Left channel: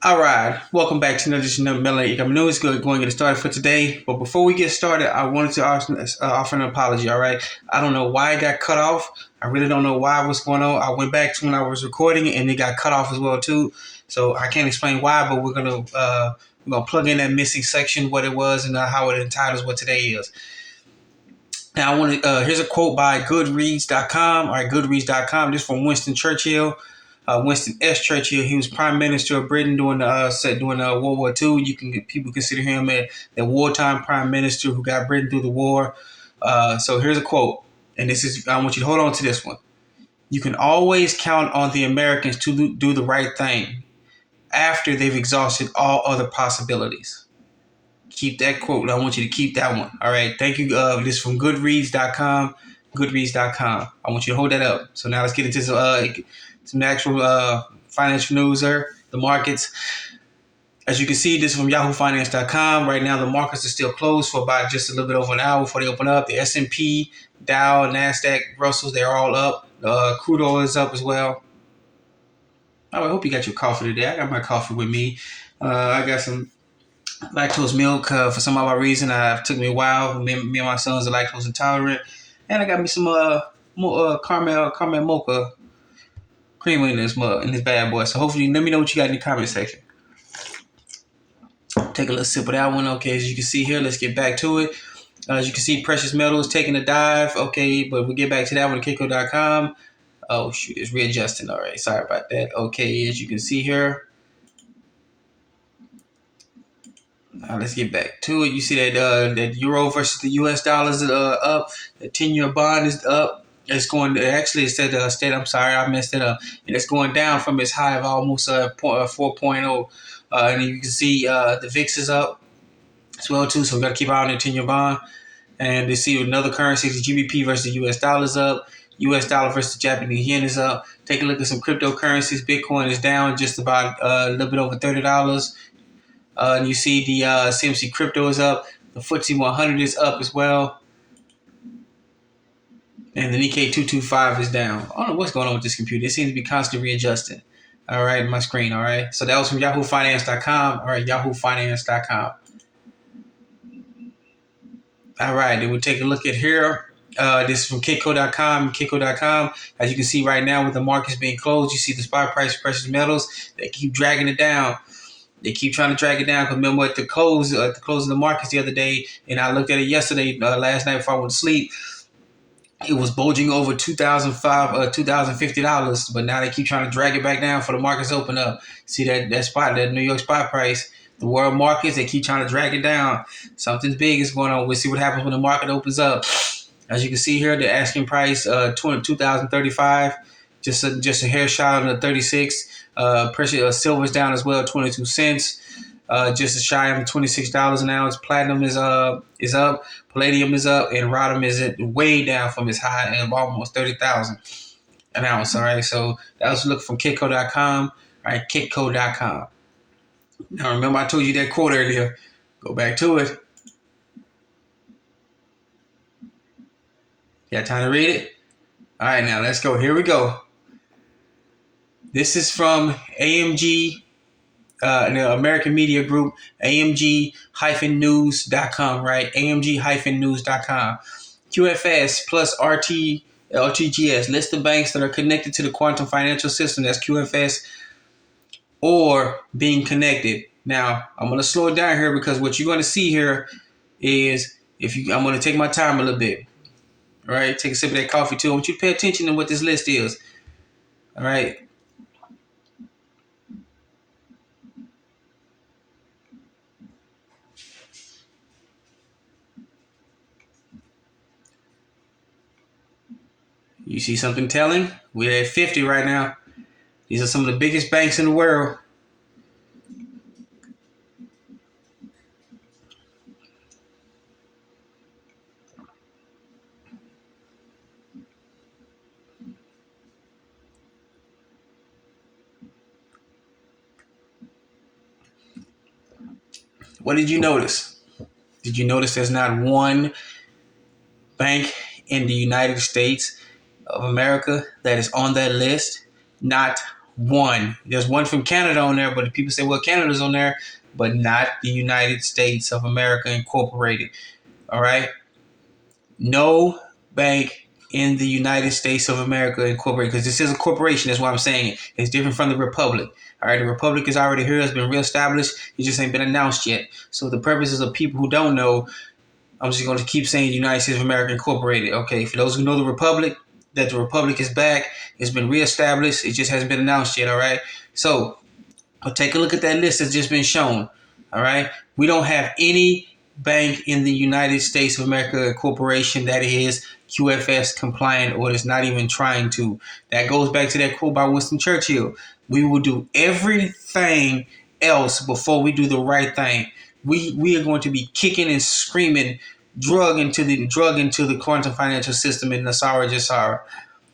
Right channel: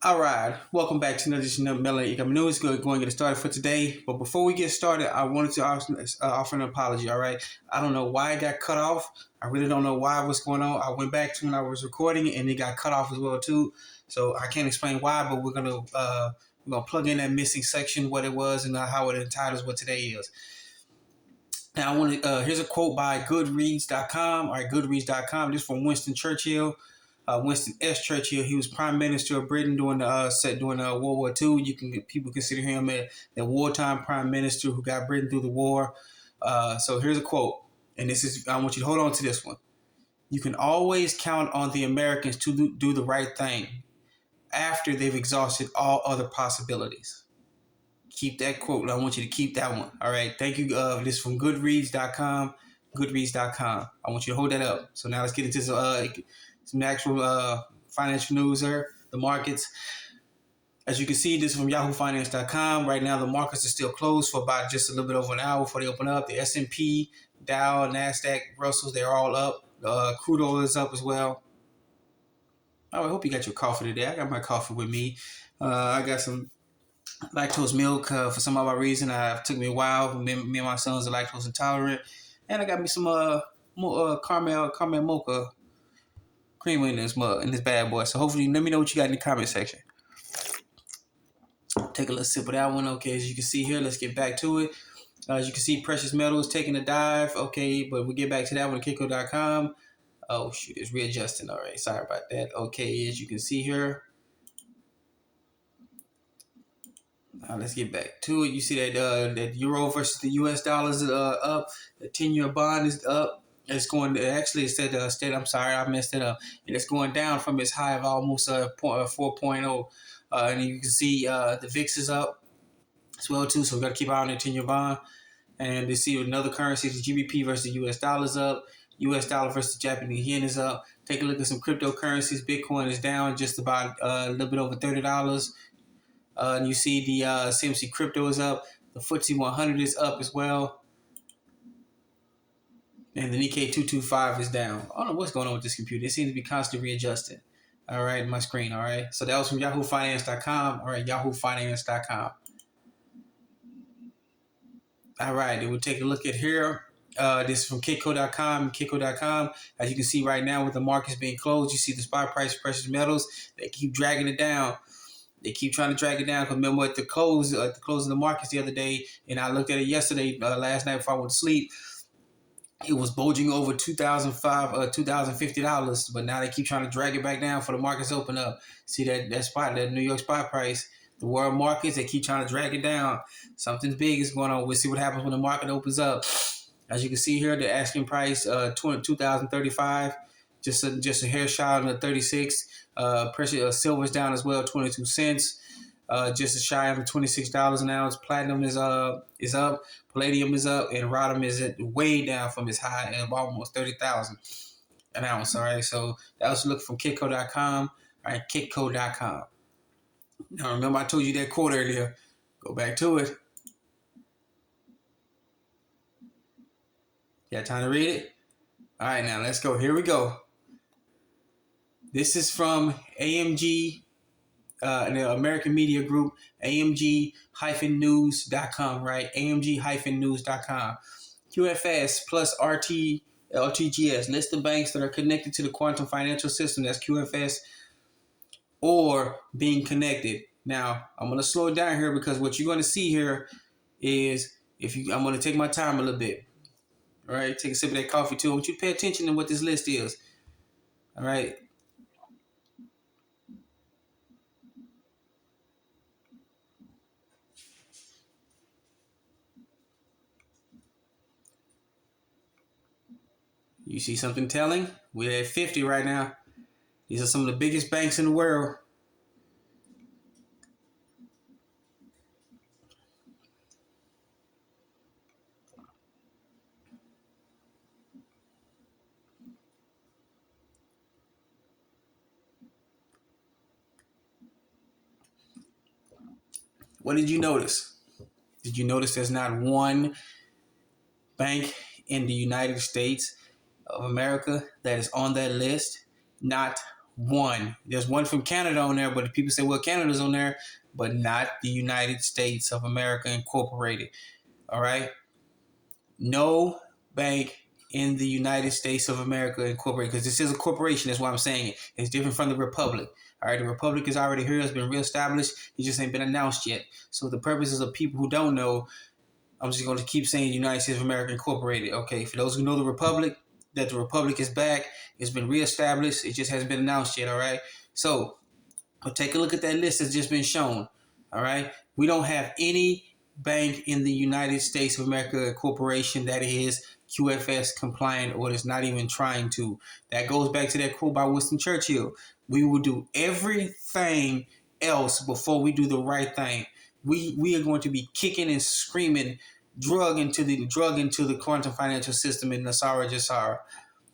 All right, welcome back to another edition of Melanie Economic News. Going to get started for today. But before we get started, I wanted to offer an apology. All right, I don't know why it got cut off. I really don't know why. What's going on? I went back to when I was recording, and it got cut off as well too. So I can't explain why, but we're gonna plug in that missing section, what it was, and how it entitles what today is. Now I want to. Here's a quote by Goodreads.com. All right, Goodreads.com. This is from Winston Churchill. Winston S. Churchill. He was Prime Minister of Britain during World War II. People consider him the wartime Prime Minister who got Britain through the war. So here's a quote, and I want you to hold on to this one. You can always count on the Americans to do the right thing after they've exhausted all other possibilities. Keep that quote. I want you to keep that one. All right. Thank you. This is from Goodreads.com. Goodreads.com. I want you to hold that up. So now let's get into some actual financial news there. The markets. As you can see, this is from YahooFinance.com. Right now, the markets are still closed for about just a little bit over an hour before they open up. The S&P, Dow, NASDAQ, Russell, they're all up. Crude oil is up as well. Oh, I hope you got your coffee today. I got my coffee with me. I got some lactose milk. For some odd reason, it took me a while. Me and my sons are lactose intolerant. And I got me some caramel mocha creamer in this bad boy. So hopefully, let me know what you got in the comment section. Take a little sip of that one. Okay, as you can see here, let's get back to it. As you can see, precious metals taking a dive. Okay, but we'll get back to that one at Kiko.com. Oh, shoot, it's readjusting. All right, sorry about that. Okay, as you can see here. Let's get back to it. You see that euro versus the U.S. dollars is up. The 10-year bond is up. It's going. Actually, it said I'm sorry, I messed it up. And it's going down from its high of almost 4.0. And you can see the VIX is up as well too. So we got to keep an eye on the 10-year bond. And to see another currency, the GBP versus the U.S. dollar is up. U.S. dollar versus the Japanese yen is up. Take a look at some cryptocurrencies. Bitcoin is down just about a little bit over $30. And you see the CMC crypto is up. The FTSE 100 is up as well. And the Nikkei 225 is down. I don't know what's going on with this computer. It seems to be constantly readjusting. All right, my screen. All right. So that was from YahooFinance.com. All right, YahooFinance.com. All right, then we'll take a look at here. This is from Kiko.com. Kiko.com. As you can see right now with the markets being closed, you see the spot price of precious metals. They keep dragging it down. They keep trying to drag it down. Because remember at the close of the markets the other day, and I looked at it yesterday, last night before I went to sleep, it was bulging over $2,050. But now they keep trying to drag it back down for the markets to open up. See that New York spot price, the world markets, they keep trying to drag it down. Something big is going on. We'll see what happens when the market opens up. As you can see here, the asking price $2,035, just a hair shy on the 36. Precious silver's down as well, 22 cents. Just shy of $26 an ounce. Platinum is up. Palladium is up, and rhodium is way down from its high of almost 30,000 an ounce. All right, so that was a look from Kitco.com. All right, Kitco.com. Now remember I told you that quote earlier. Go back to it. You got time to read it? All right, now let's go. Here we go. This is from AMG, the American Media Group, AMG-news.com, right? AMG-news.com. QFS plus RTGS lists the banks that are connected to the quantum financial system. That's QFS or being connected. Now, I'm going to slow it down here because what you're going to see here is I'm going to take my time a little bit. All right, take a sip of that coffee too. I want you to pay attention to what this list is. All right. You see something telling? We're at 50 right now. These are some of the biggest banks in the world. What did you notice? Did you notice there's not one bank in the United States of America that is on that list? Not one. There's one from Canada on there, but people say, well, Canada's on there, but not the United States of America Incorporated. All right? No bank in the United States of America Incorporated, because this is a corporation. That's why I'm saying it. It's different from the Republic. All right, the Republic is already here. It's been reestablished. It just ain't been announced yet. So the purposes of people who don't know, I'm just going to keep saying United States of America Incorporated. Okay, for those who know the Republic, that the Republic is back. It's been reestablished. It just hasn't been announced yet. All right. So I'll take a look at that list that's just been shown. All right. We don't have any bank in the United States of America Corporation that is QFS compliant or is not even trying to. That goes back to that quote by Winston Churchill. We will do everything else before we do the right thing. We are going to be kicking and screaming drug into the quantum financial system in Nesara, Gesara.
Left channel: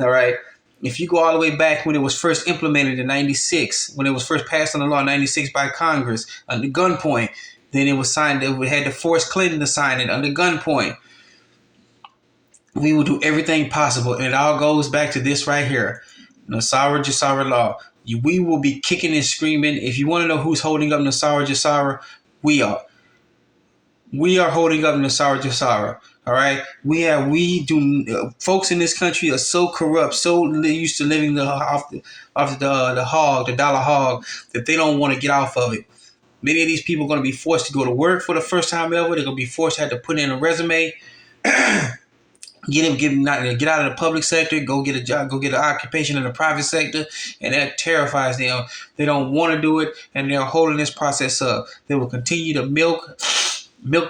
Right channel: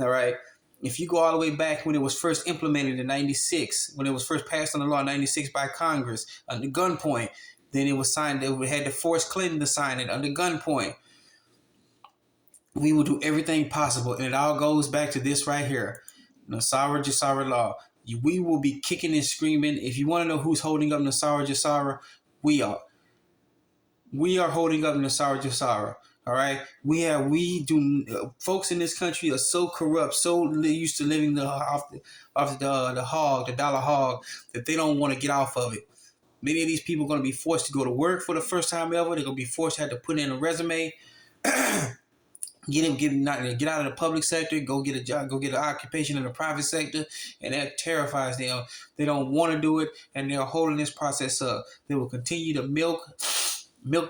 All right. If you go all the way back when it was first implemented in 96, when it was first passed on the law in 96 by Congress under gunpoint, then it was signed, we had to force Clinton to sign it under gunpoint. We will do everything possible. And it all goes back to this right here. Nesara, Gesara Law. We will be kicking and screaming. If you want to know who's holding up Nesara, Gesara, we are. We are holding up Nesara, Gesara. All right. Folks in this country are so corrupt, so used to living off the dollar hog, that they don't want to get off of it. Many of these people are going to be forced to go to work for the first time ever. They're going to be forced to have to put in a resume, get out of the public sector, go get a job, go get an occupation in the private sector, and that terrifies them. They don't want to do it, and they're holding this process up. They will continue to milk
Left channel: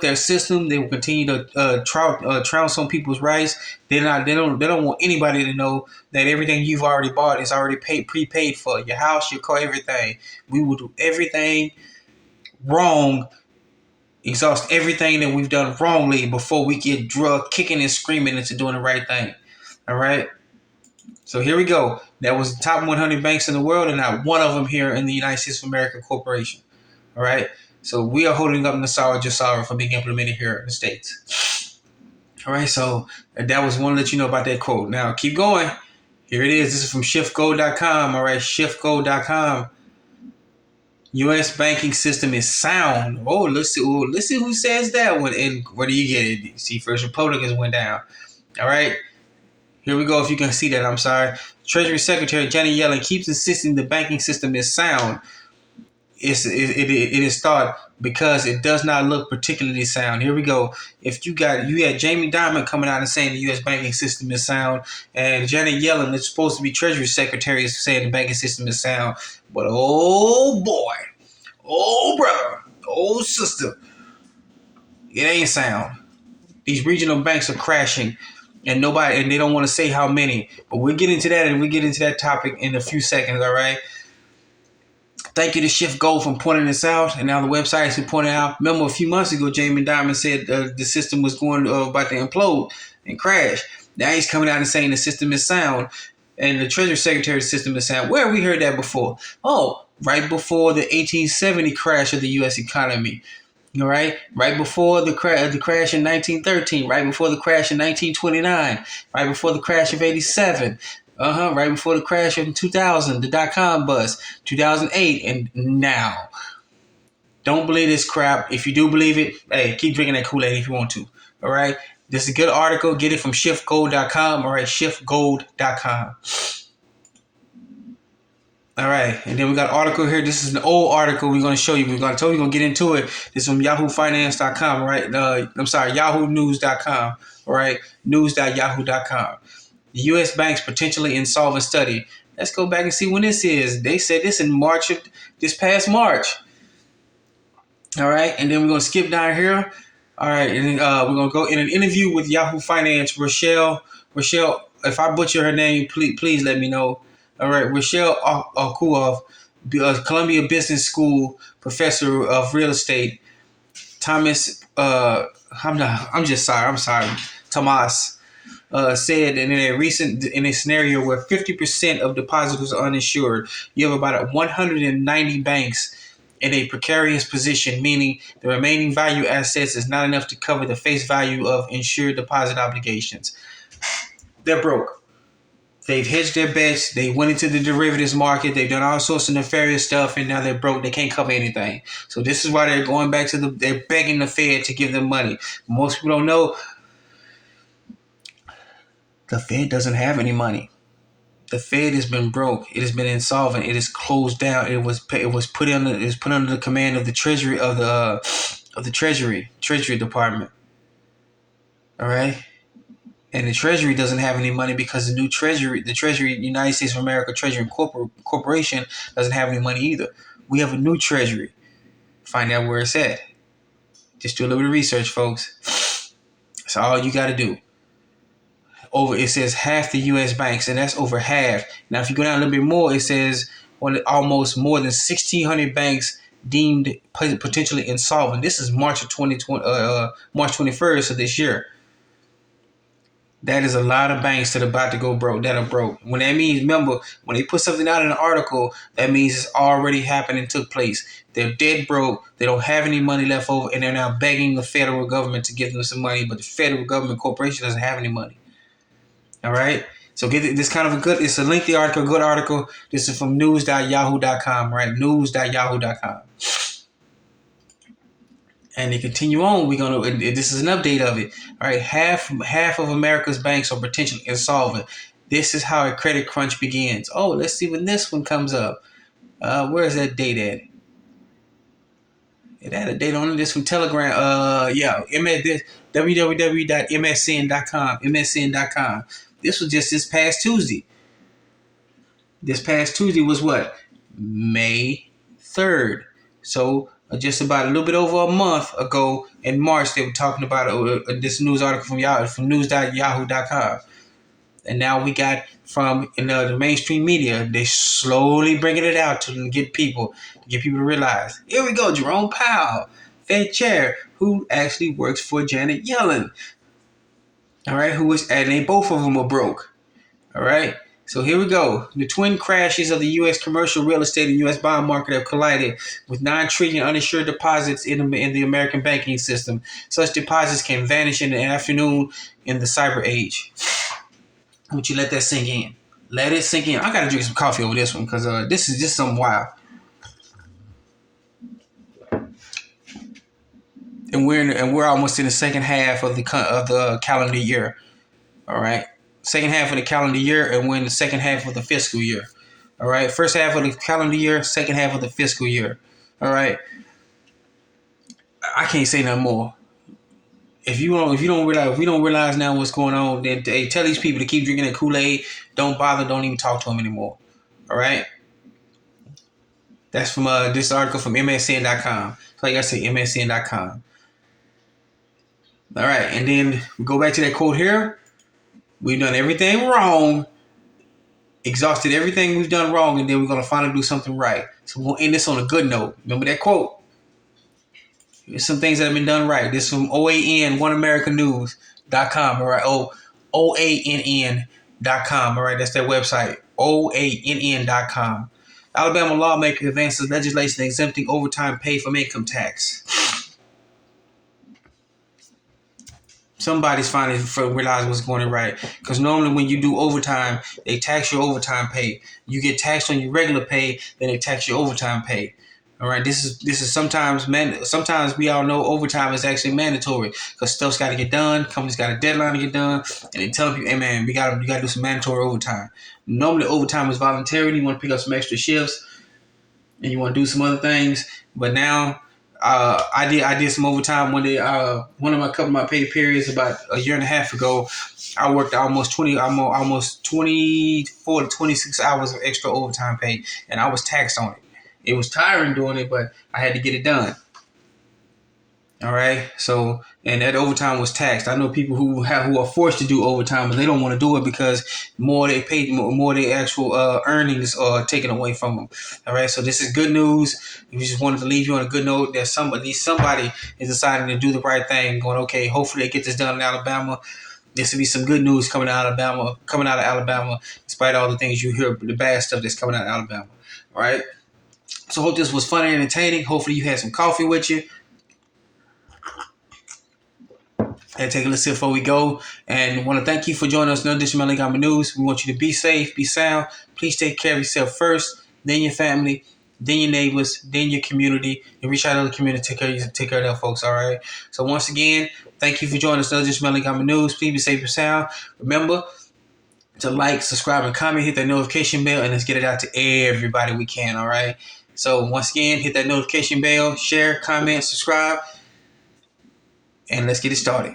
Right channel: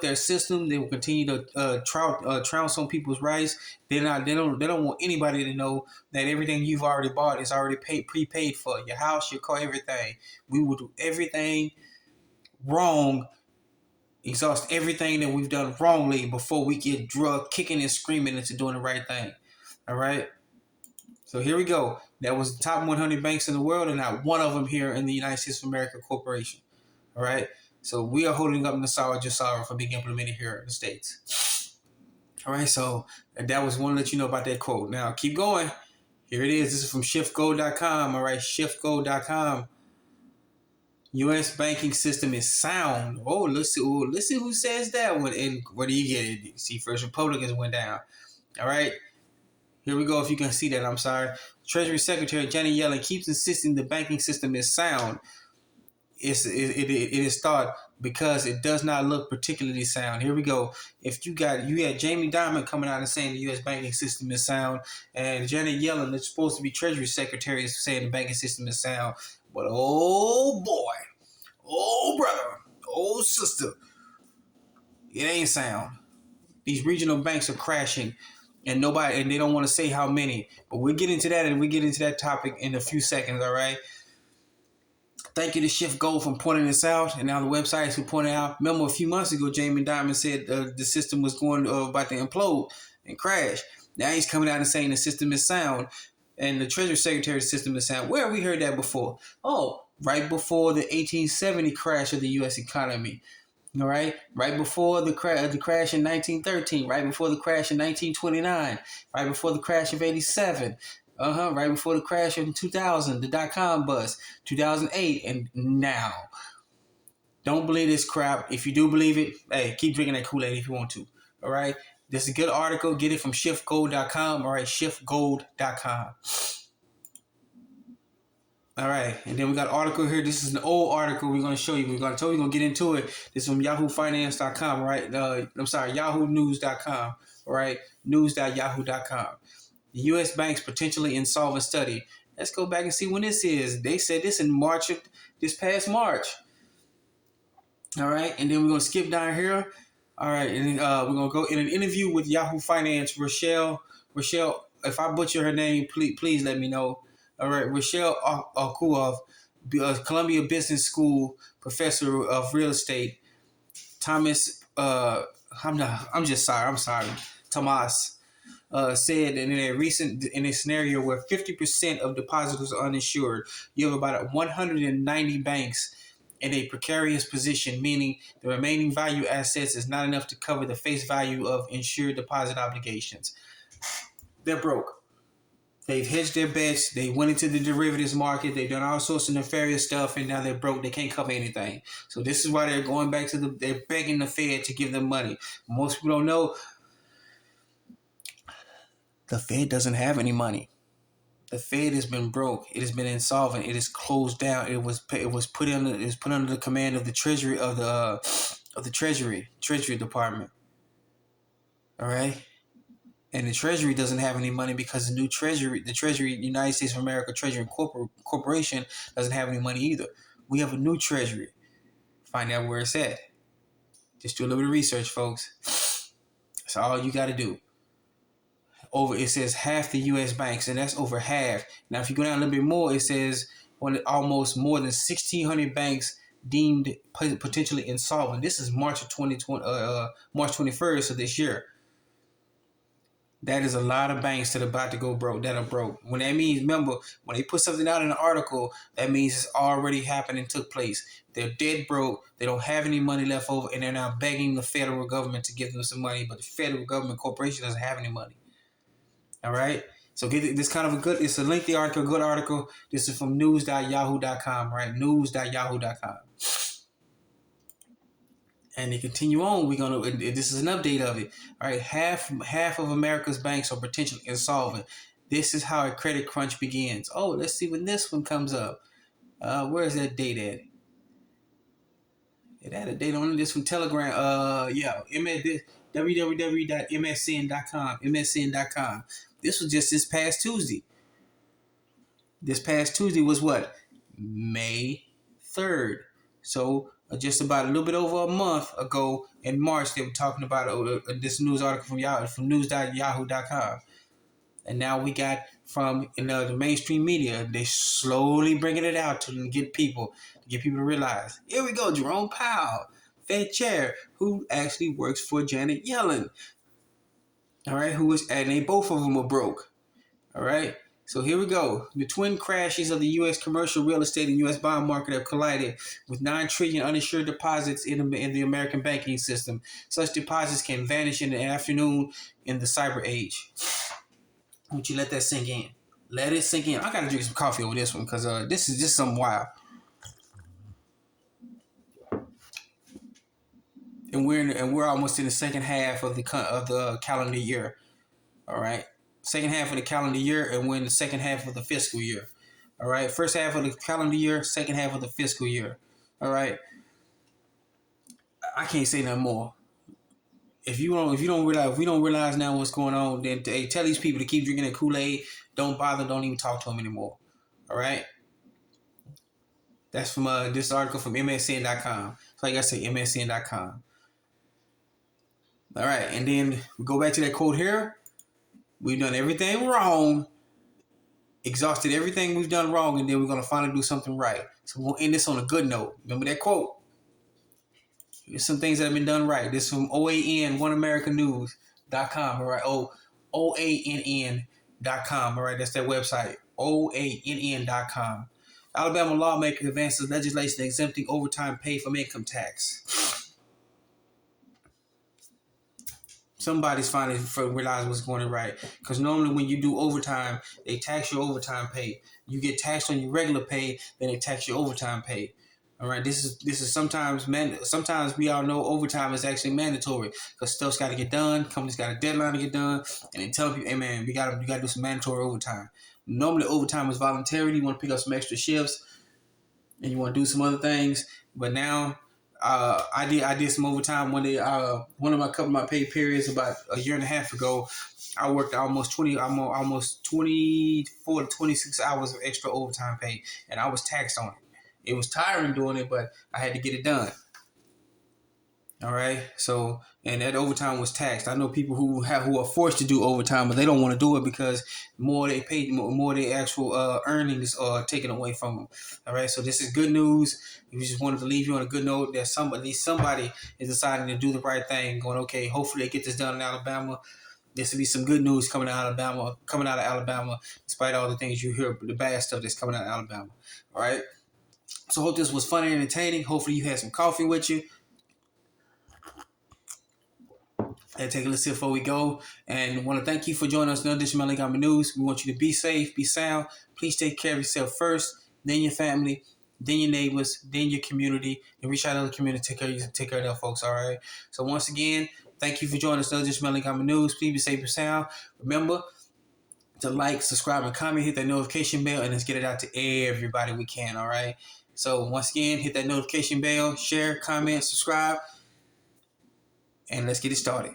their system. They will continue to trounce on people's rights. They don't want anybody to know that everything you've already bought is already prepaid for. Your house, your car, everything. We will do everything wrong, exhaust everything that we've done wrongly before we get drug kicking and screaming into doing the right thing. All right. So here we go. That was the top 100 banks in the world, and not one of them here in the United States of America Corporation. All right. So we are holding up Nesara, Gesara for being implemented here in the States. All right. So that was one to let you know about that quote. Now keep going. Here it is. This is from shiftgo.com. All right. Shiftgo.com. U.S. banking system is sound. Oh, let's see who says that one. And where do you get it? See, First Republicans went down. All right. Here we go. If you can see that, I'm sorry. Treasury Secretary Janet Yellen keeps insisting the banking system is sound. It is thought because it does not look particularly sound. Here we go. If you had Jamie Dimon coming out and saying the U.S. banking system is sound, and Janet Yellen, that's supposed to be Treasury Secretary, is saying the banking system is sound. But oh boy, oh brother, oh sister, it ain't sound. These regional banks are crashing, and they don't want to say how many. But we'll get into that, and we'll get into that topic in a few seconds. All right. Thank you to Shift Gold for pointing this out, and now the websites who pointed out. Remember, a few months ago, Jamie Dimon said the system was going about to implode and crash. Now he's coming out and saying the system is sound, and the Treasury Secretary's system is sound. Where have we heard that before? Oh, right before the 1870 crash of the U.S. economy. All right, right before the crash in 1913, right before the crash in 1929, right before the crash of 87. Right before the crash in 2000, the dot-com bust, 2008, and now. Don't believe this crap. If you do believe it, hey, keep drinking that Kool-Aid if you want to. All right? This is a good article. Get it from shiftgold.com. All right, shiftgold.com. All right, and then we got an article here. This is an old article we're going to show you. We're going to get into it. This is from yahoofinance.com, right? yahoonews.com, all right? News.yahoo.com. The U.S. banks potentially insolvent study. Let's go back and see when this is. They said this in this past March. All right, and then we're going to skip down here. All right, and then we're going to go in an interview with Yahoo Finance, Rochelle, if I butcher her name, please let me know. All right, Rochelle Okuov, Columbia Business School professor of real estate. Thomas, I'm sorry. Tomas. Said in a scenario where 50% of depositors are uninsured, you have about 190 banks in a precarious position, meaning the remaining value assets is not enough to cover the face value of insured deposit obligations. They're broke. They've hedged their bets. They went into the derivatives market. They've done all sorts of nefarious stuff, and now they're broke. They can't cover anything. So this is why they're going back to they're begging the Fed to give them money. Most people don't know the Fed doesn't have any money. The Fed has been broke. It has been insolvent. It is closed down. It was put under the command of the Treasury of the Treasury Department. All right. And the Treasury doesn't have any money because the Treasury, United States of America Treasury Corporation, doesn't have any money either. We have a new Treasury. Find out where it's at. Just do a little bit of research, folks. That's all you got to do. It says half the U.S. banks, and that's over half. Now, if you go down a little bit more, it says almost more than 1,600 banks deemed potentially insolvent. This is March 21st of this year. That is a lot of banks that are about to go broke, that are broke. When that means, remember, when they put something out in an article, that means it's already happened and took place. They're dead broke. They don't have any money left over, and they're now begging the federal government to give them some money, but the federal government corporation doesn't have any money. All right? So get this kind of it's a lengthy article, good article. This is from news.yahoo.com, right? News.yahoo.com. And they continue on. This is an update of it. All right, half of America's banks are potentially insolvent. This is how a credit crunch begins. Oh, let's see when this one comes up. Where is that date at? It had a date on it. This from Telegram. www.msn.com. MSN.com. This was just this past Tuesday. This past Tuesday was what? May 3rd. So just about a little bit over a month ago in March, they were talking about this news article from news.yahoo.com. And now we got from the mainstream media, they slowly bringing it out to get people to realize. Here we go, Jerome Powell, Fed chair, who actually works for Janet Yellen. All right, and both of them are broke. All right. So here we go. The twin crashes of the U.S. commercial real estate and U.S. bond market have collided with $9 trillion uninsured deposits in the American banking system. Such deposits can vanish in the afternoon in the cyber age. I want you to let that sink in. Let it sink in. I got to drink some coffee over this one because this is just something wild. And we're almost in the second half of the calendar year. All right. Second half of the calendar year, and we're in the second half of the fiscal year. All right, first half of the calendar year, second half of the fiscal year. All right, I can't say no more. If we don't realize now what's going on, then tell these people to keep drinking that Kool-Aid. Don't bother. Don't even talk to them anymore. All right. That's from this article from MSN.com. Like I said, MSN.com. All right, and then we go back to that quote here. We've done everything wrong, exhausted everything we've done wrong, and then we're going to finally do something right. So we'll end this on a good note. Remember that quote? There's some things that have been done right. This is from OAN, OneAmericaNews.com, all right? OANN.com, all right? That's their website, OANN.com. Alabama lawmaker advances legislation exempting overtime pay from income tax. Somebody's finally realized what's going on right. Because normally when you do overtime, they tax your overtime pay. You get taxed on your regular pay, then they tax your overtime pay. All right, this is sometimes we all know overtime is actually mandatory because stuff's got to get done. Companies got a deadline to get done, and they tell people, "Hey man, we got to do some mandatory overtime." Normally, overtime is voluntary. You want to pick up some extra shifts, and you want to do some other things. But now, I did some overtime one day. One of my pay periods about a year and a half ago, I worked almost 24 to 26 hours of extra overtime pay, and I was taxed on it. It was tiring doing it, but I had to get it done. All right. So, and that overtime was taxed. I know people who are forced to do overtime, but they don't want to do it because more they pay, more their actual earnings are taken away from them. All right. So this is good news. We just wanted to leave you on a good note that somebody is deciding to do the right thing. Going, okay, hopefully they get this done in Alabama. This will be some good news coming out of Alabama, despite all the things you hear, the bad stuff that's coming out of Alabama. All right. So hope this was fun and entertaining. Hopefully you had some coffee with you. And take a listen before we go. And want to thank you for joining us in another edition of Melon News. We want you to be safe, be sound. Please take care of yourself first, then your family, then your neighbors, then your community, and reach out to the community. Take care of them folks. All right. So once again, thank you for joining us in another edition of Melon News. Please be safe and sound. Remember to like, subscribe, and comment. Hit that notification bell, and let's get it out to everybody we can. All right. So once again, hit that notification bell, share, comment, subscribe, and let's get it started.